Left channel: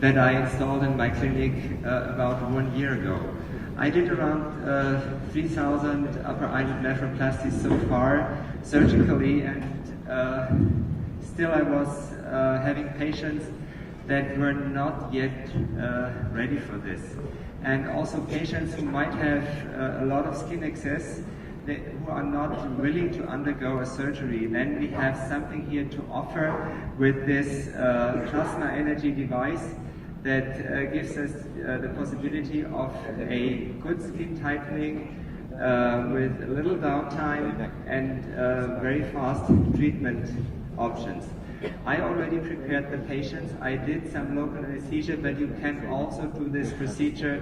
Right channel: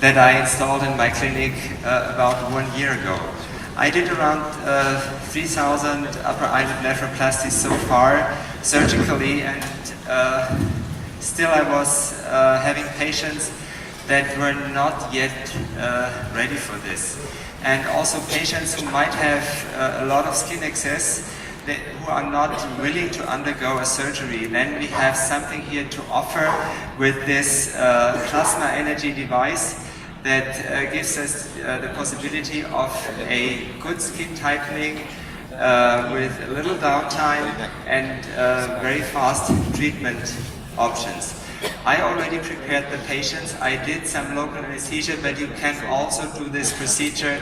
that I installed in my clinic about 1 year ago. I did around 3,000 upper eyelid blepharoplasties so far, surgically, and still I was having patients that were not yet ready for this. And also patients who might have a lot of skin excess, who are not willing to undergo a surgery. Then we have something here to offer with this plasma energy device that gives us the possibility of a good skin tightening with a little downtime and very fast treatment options. I already prepared the patients. I did some local anesthesia, but you can also do this procedure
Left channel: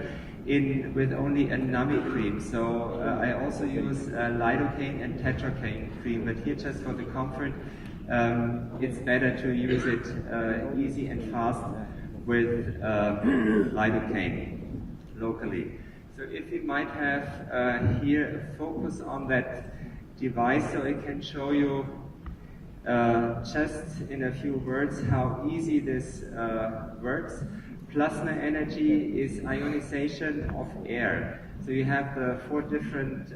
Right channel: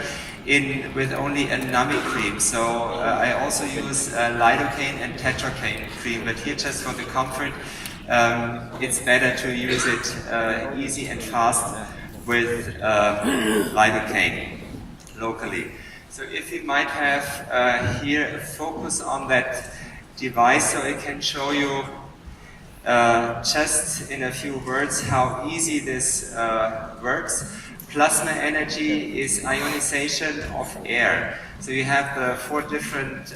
with only a numbing cream. So I also use lidocaine and tetracaine cream, but here just for the comfort, it's better to use it easy and fast with lidocaine locally. So if you might have here a focus on that device, so I can show you just in a few words how easy this works. Plasma energy is ionization of air. So you have the 4 different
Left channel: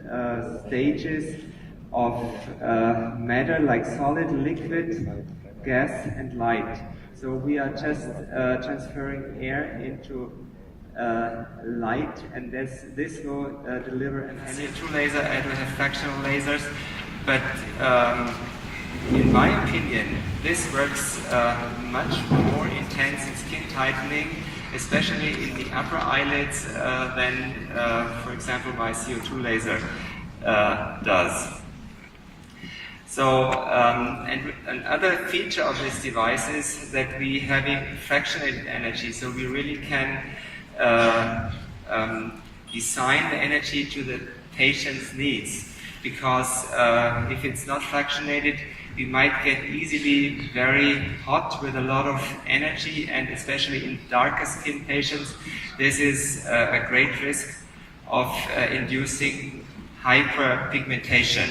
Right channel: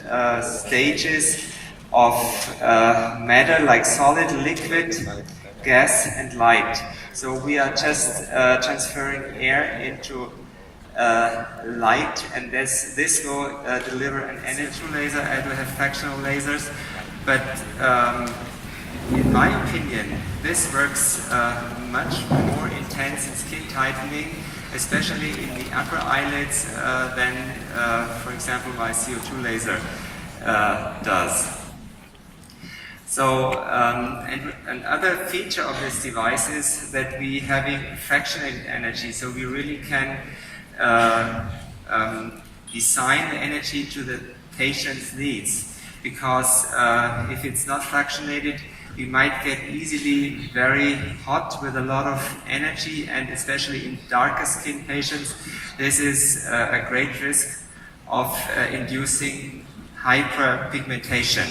stages of matter, like solid, liquid, gas, and light. So we are just transferring air into light, and this will deliver an energy laser, and we have fractional lasers. But in my opinion, this works much more intense in skin tightening, especially in the upper eyelids, than, for example, my CO2 laser does. So, and another feature of this device is that we having fractionated energy, so we really can design the energy to the patient's needs, because if it's not fractionated, we might get easily very hot with a lot of energy, and especially in darker skin patients, this is a great risk of inducing hyperpigmentation.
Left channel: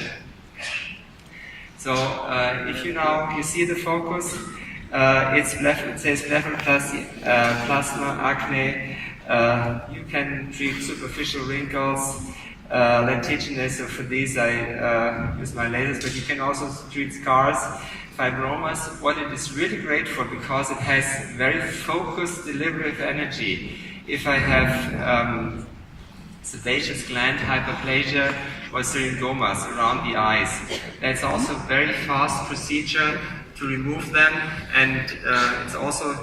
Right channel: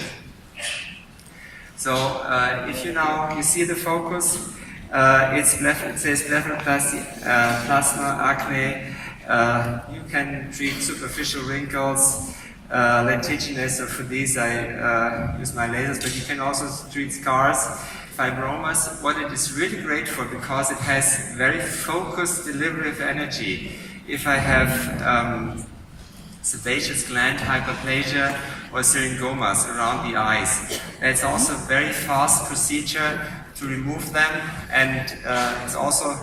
So if you see the focus, it says blepharoplasty, plasma, acne. You can treat superficial wrinkles, lentiginous, so for these I use my lasers, but you can also treat scars, fibromas. What it is really great for, because it has very focused delivery of energy. If I have sebaceous gland hyperplasia or syringomas around the eyes, that's also a very fast procedure to remove them, and it's also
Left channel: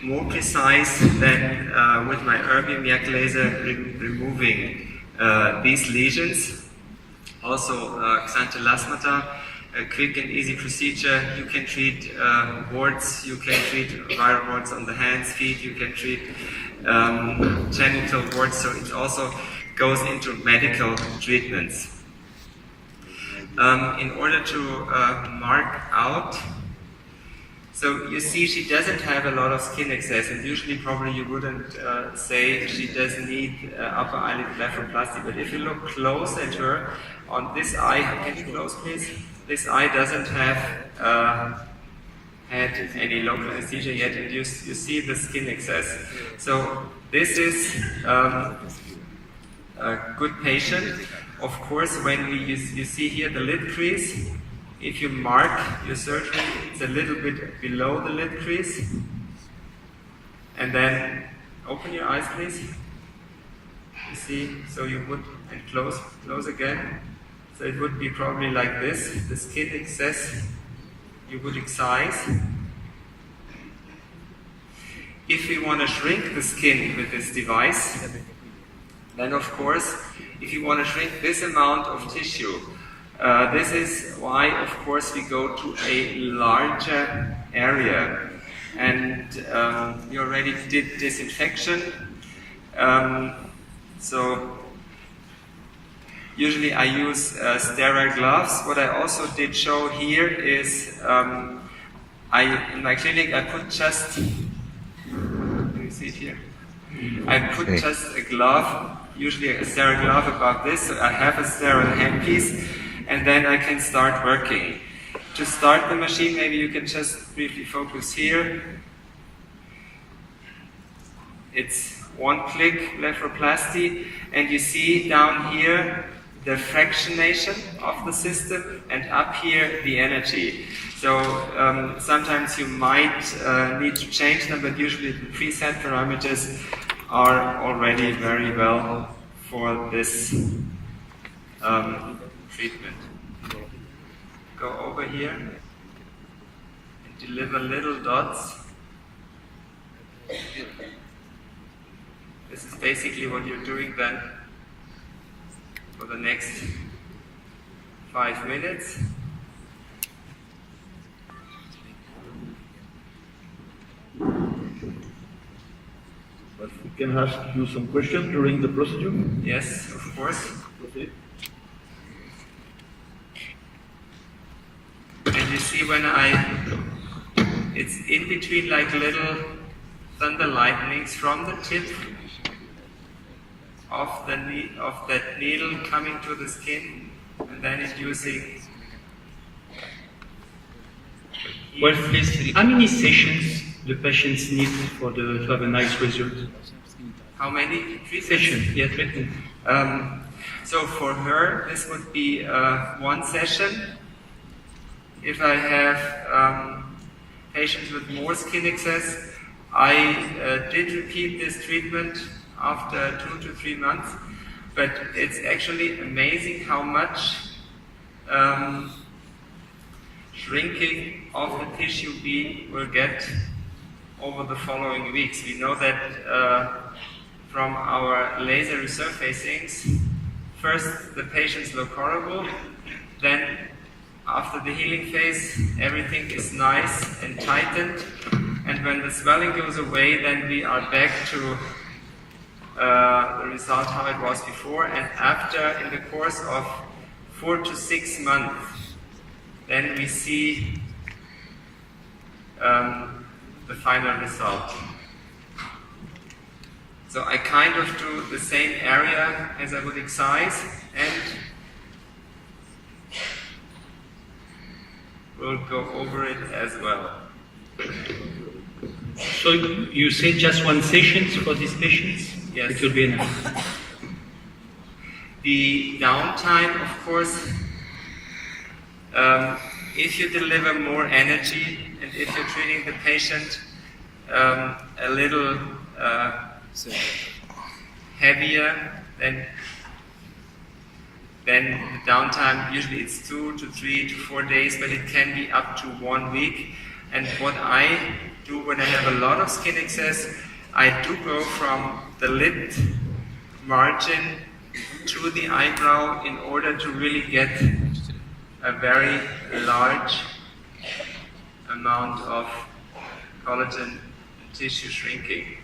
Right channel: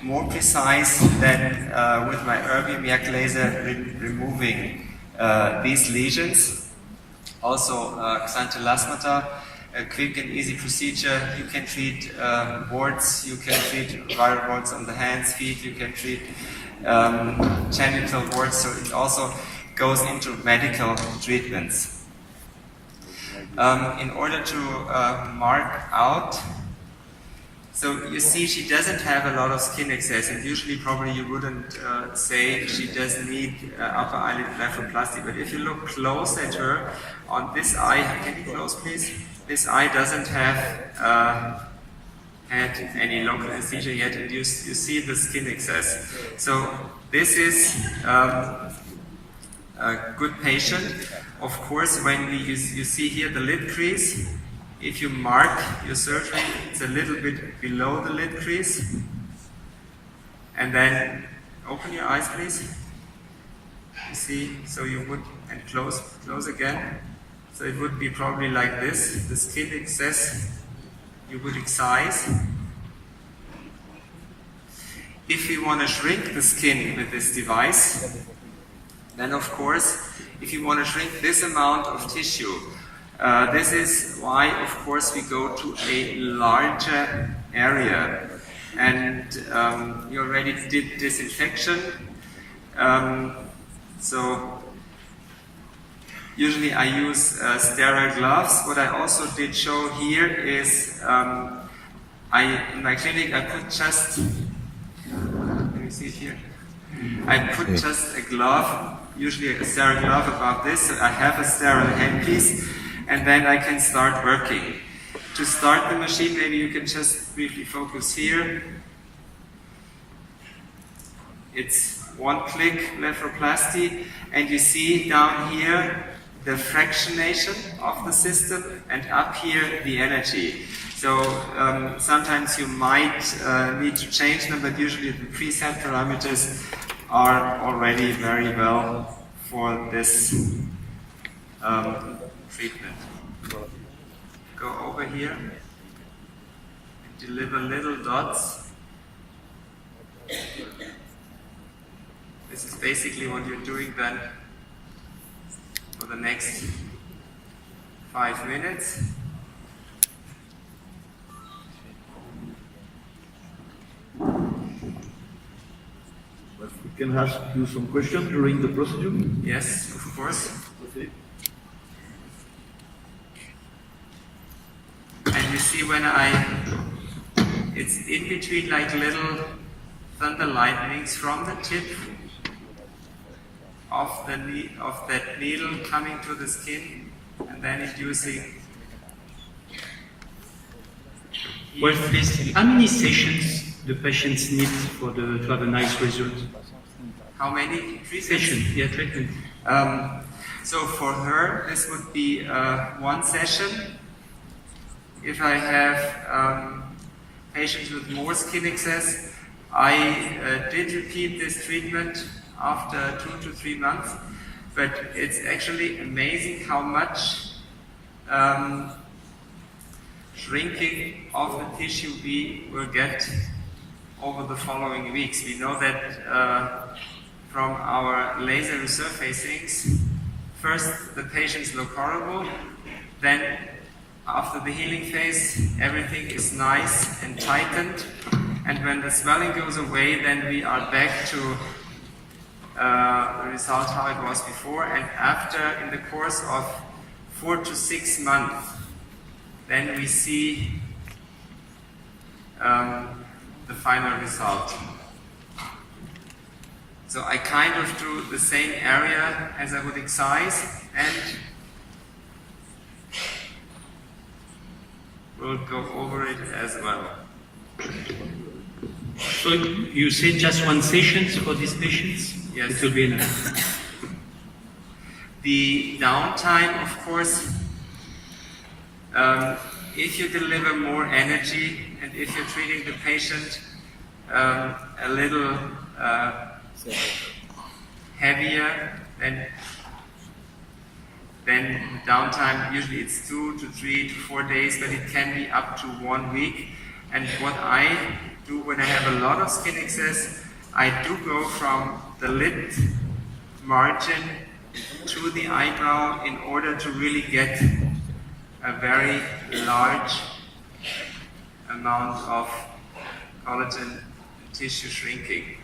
more precise than with my erbium yak laser removing these lesions. Also xanthelasmata, a quick and easy procedure. You can treat warts, you can treat viral warts on the hands, feet, you can treat genital warts, so it also goes into medical treatments. In order to mark out, so you see she doesn't have a lot of skin excess, and usually probably you wouldn't say she does need upper eyelid blepharoplasty, but if you look close at her, on this eye, can you close please? This eye doesn't have had any local anesthesia yet, and you see the skin excess. So this is a good patient. Of course, when you see here the lid crease, if you mark your surgery, it's a little bit below the lid crease. And then open your eyes, please. You see, so you would, and close again. So it would be probably like this, the skin excess you would excise. If you want to shrink the skin with this device, then of course, if you want to shrink this amount of tissue, this is why, of course, we go to a larger area. And you already did disinfection. So usually I use sterile gloves. What I also did show here is, in my clinic, I put just, can you see it here? I put just a glove, usually a sterile glove above this, so I have a sterile handpiece, and then I can start working. To start the machine, maybe you can just briefly focus here. it's one-click blepharoplasty, and you see down here the fractionation of the system, and up here the energy. So sometimes you might need to change them, but usually the preset parameters are already very well for this treatment. Go over here and deliver little dots. This is basically what you're doing then for the next 5 minutes. But we can ask you some questions during the procedure? Yes, of course. Okay. And you see when it's in between like little thunder lightnings from the tip of that needle coming to the skin, and then inducing. Well, please, how many sessions the patients need to have a nice result? How many? 3 Sessions, yeah, treatment. So for her, this would be 1 session. If I have patients with more skin excess, I did repeat this treatment after 2 to 3 months, but it's actually amazing how much shrinking of the tissue we will get over the following weeks. We know that from our laser resurfacings, first the patients look horrible, then after the healing phase everything is nice and tightened, and when the swelling goes away, then we are back to the result how it was before, and after, in the course of 4 to 6 months, then we see the final result. So I kind of do the same area as I would excise, and we'll go over it as well. So you say just 1 session for these patients? Yes. It will be enough. The downtime, of course, if you deliver more energy and if you're treating the patient a little heavier, then the downtime, usually it's 2 to 3 to 4 days, but it can be up to 1 week. And what I do when I have a lot of skin excess, I do go from the lid margin to the eyebrow in order to really get a very large amount of collagen tissue shrinking.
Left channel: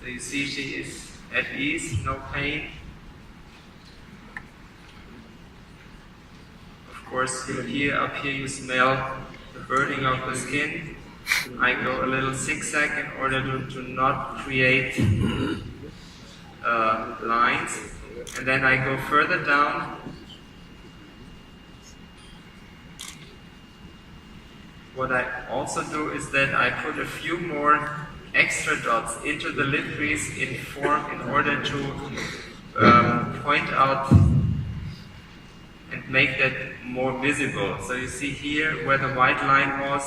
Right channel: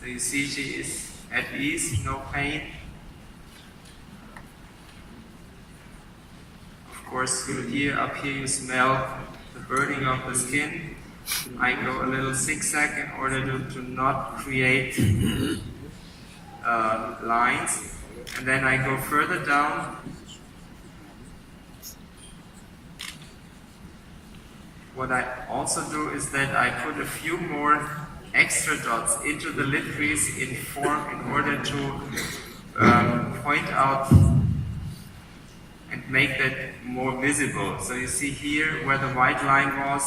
So you see she is at ease, no pain. Of course, up here you smell the burning of the skin. I go a little zigzag in order to not create lines, and then I go further down. What I also do is that I put a few more extra dots into the lid crease in order to point out and make that more visible. So you see here where the white line was,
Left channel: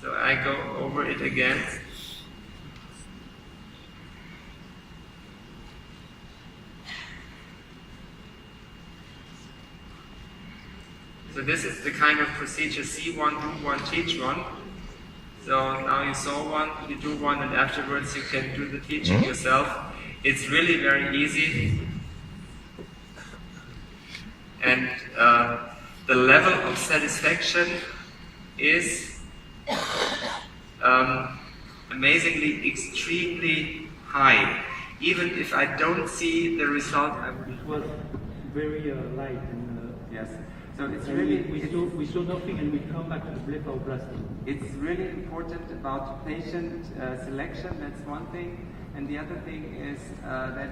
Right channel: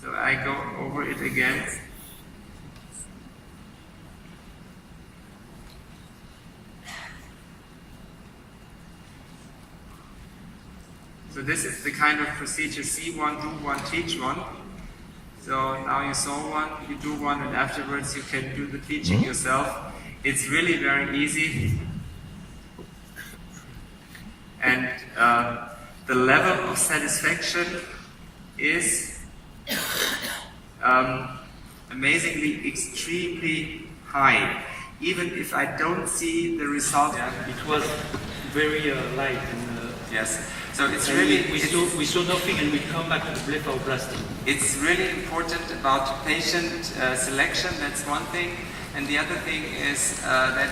so I go over it again. So this is the kind of procedure: see one, do one, teach one. So now you saw one, you do one, and afterwards you can do the teaching yourself. It's really very easy. And the level of satisfaction is amazingly extremely high. Even if I don't see the result. It was very light. Yes. So it's really we saw nothing, and we come back to the blepharoplasty. It's really important about patient selection. That's one thing, and the other thing is that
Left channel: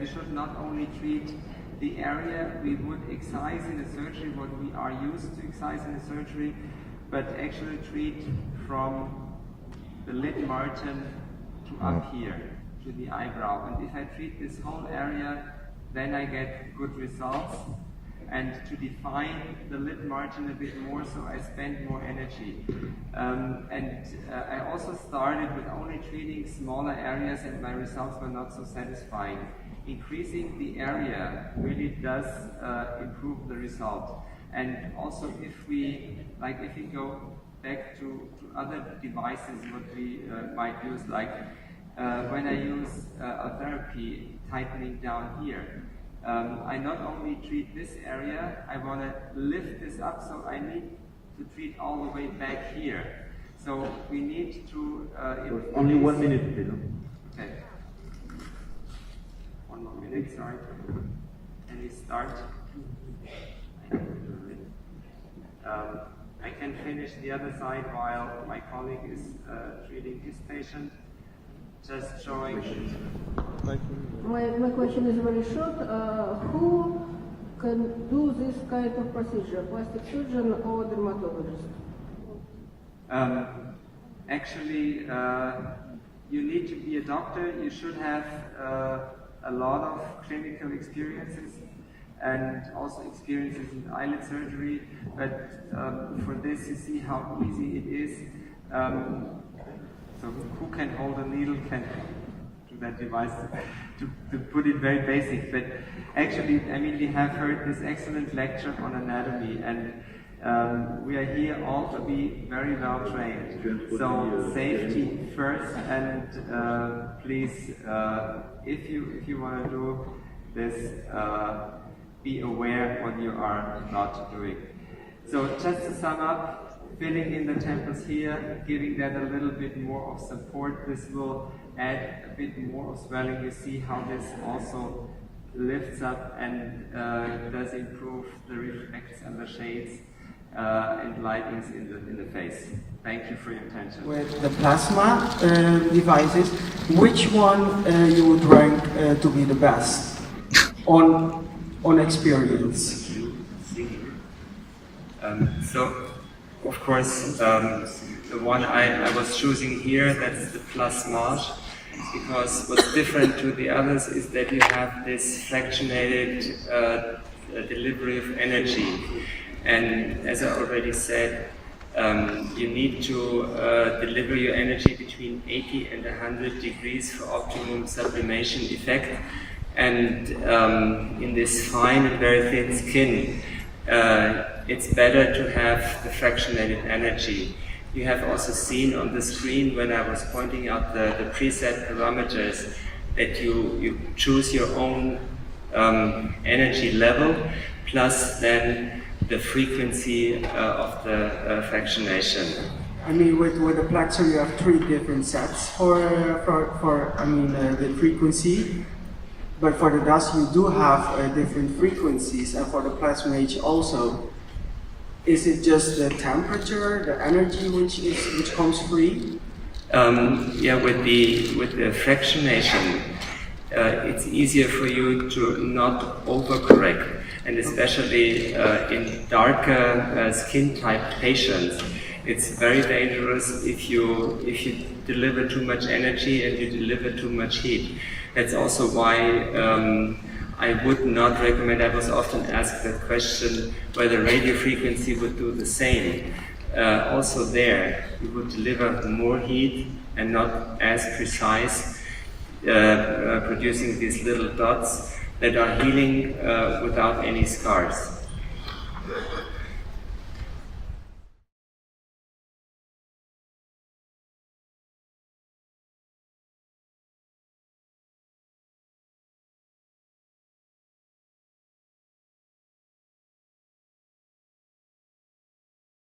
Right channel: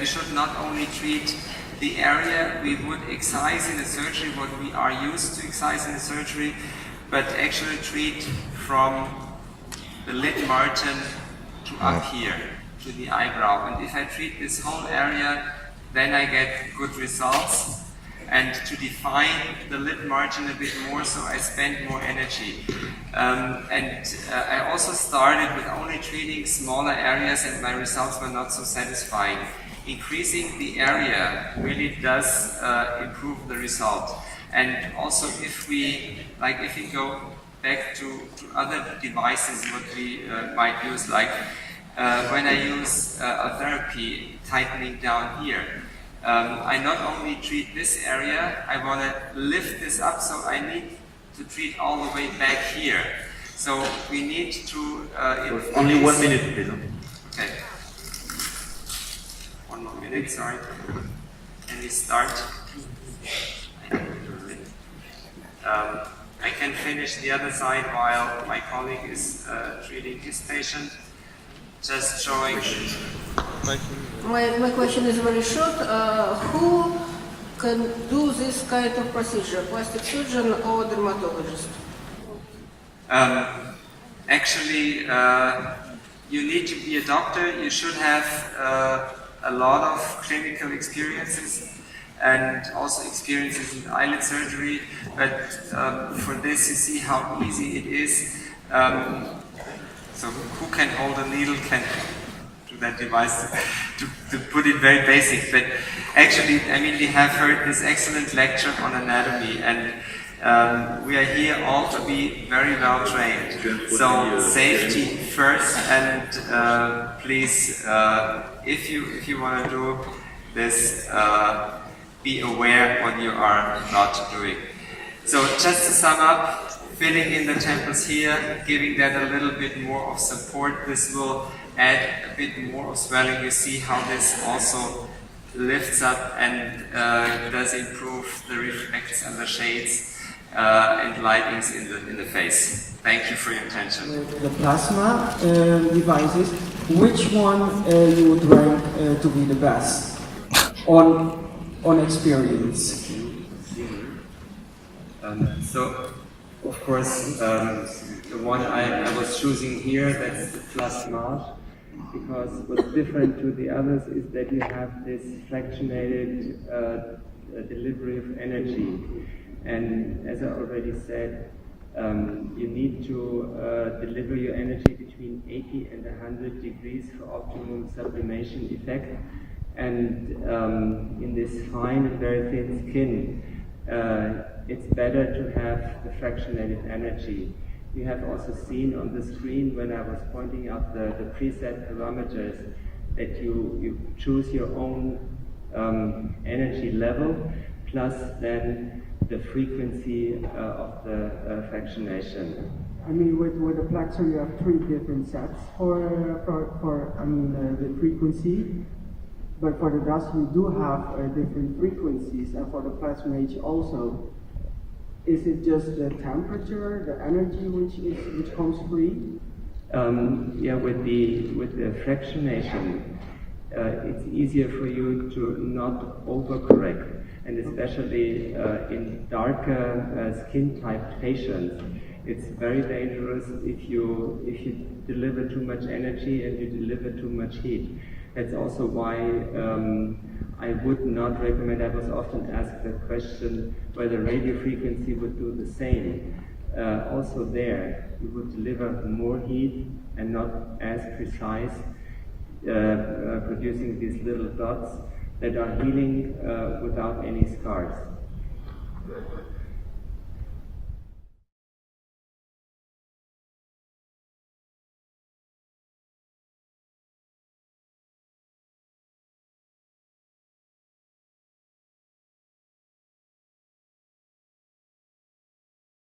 we should not only treat the area we would excise in a surgery, what we are used to excise in a surgery, but actually treat from the lid margin to up here, to the eyebrow. And if I treat this whole area, then I get good results. And to define the lid margin a bit more, so I spend more energy. I also started with only treating smaller areas, and my results were not so satisfying. Increasing the area really does improve the result. And also if we go back to other devices, what we might use, like when I use a therapy tightening down here, I not only treat this area, I want to lift this up, so I need to treat all the way back here. So we need to... only 1 minute, please. Okay. 1 more minute, sorry. Can we start? I can finish the other side while my colleague is treating his patient. Just showing... My question is very short. Who can do this kind of procedure? Plastic surgeon or dermatologist? Actually, you need to be a doctor. You should have a lot of clinical experiences and also experiences in eyelid surgery. But for this, you see how easy it is. So who can hold a needle can do that device, to put it very basic. But actually, I mean, we have heard this excellent lecture on anatomy, and we are here all to be very well trained. So safety first, and please, if you want to do this, be aware what you are not doing. So just to sum up, filling in the temples here, giving that a little bit more of support. This will add a bit more of swelling. You see how this also lifts up and does improve the reflects and the shades and lightings in the face. Thank you for your attention. With the plasma devices, which one you would rank to be the best on experience? So, of course, the one I was choosing here, that's the Plasmage, because what's different to the others is that you have this fractionated delivery of energy. And as I already said, you need to deliver your energy between 80 and 100 degrees for optimum sublimation effect. And in this fine and very thin skin, it's better to have the fractionated energy. You have also seen on the screen when I was pointing out the preset parameters that you choose your own energy level plus then the frequency of the fractionation. I mean, with the plexer you have 3 different sets for the frequency, but for the dust you do have different frequencies, and for the Plasmage also. Is it just the temperature, the energy which comes free? Yeah, with the fractionation, it's easier for you to not overcorrect, and especially in darker skin type patients, it's very dangerous if you deliver too much energy and you deliver too much heat. That's also why I would not recommend. I was often asked that question whether radio frequency would do the same. Also there, you would deliver more heat and not as precise, producing these little dots that are healing without any scars.